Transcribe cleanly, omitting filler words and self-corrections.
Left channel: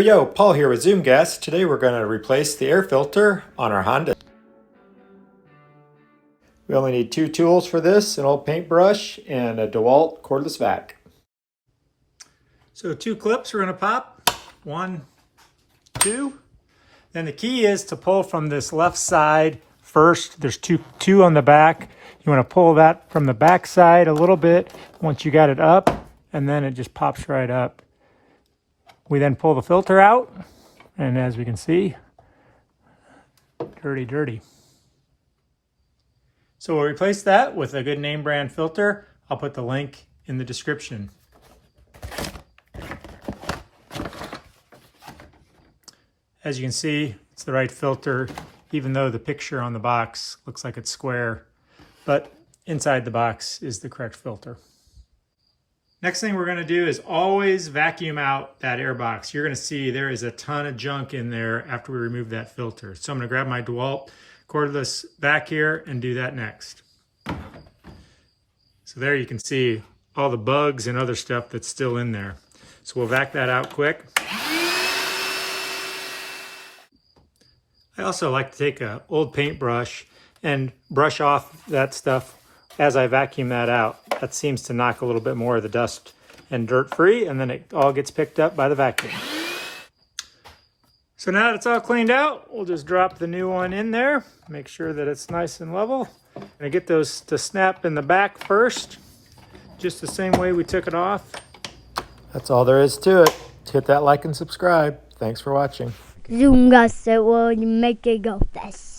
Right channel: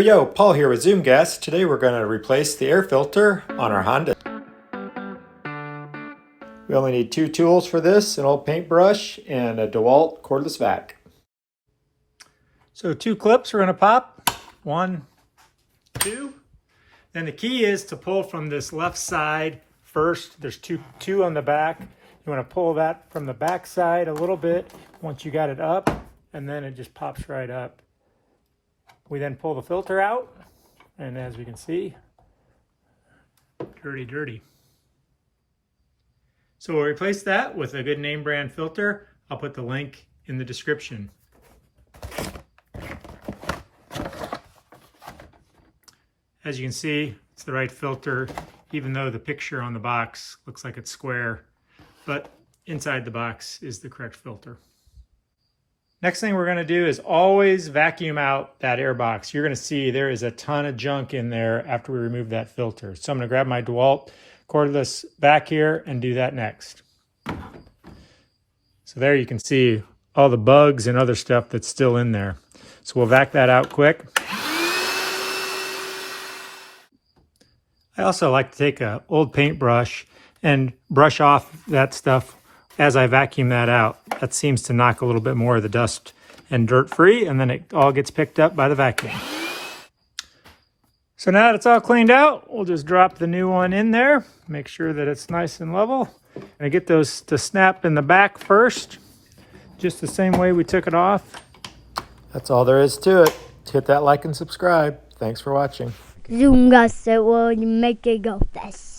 Yo, Paul here with Zoom Gas. Today we're going to replace the air filter on our Honda. We only need two tools for this, an old paintbrush and a DeWalt cordless vac. So two clips we're going to pop, 1, 2. Then the key is to pull from this left side first. There's two on the back. You want to pull that from the back side a little bit once you got it up, and then it just pops right up. We then pull the filter out, and as we can see, dirty. So we'll replace that with a good name brand filter. I'll put the link in the description. As you can see, it's the right filter, even though the picture on the box looks like it's square, but inside the box is the correct filter. Next thing we're going to do is always vacuum out that air box. You're going to see there is a ton of junk in there after we remove that filter. So I'm going to grab my DeWalt cordless vac here and do that next. So there you can see all the bugs and other stuff that's still in there. So we'll vac that out quick. I also like to take an old paintbrush and brush off that stuff as I vacuum that out. That seems to knock a little bit more of the dust and dirt free, and then it all gets picked up by the vacuum. So now that it's all cleaned out, we'll just drop the new one in there. Make sure that it's nice and level. And get those to snap in the back first, just the same way we took it off. That's all there is to it. Hit that like and subscribe. Thanks for watching. Zoom gas, it will make it go fast.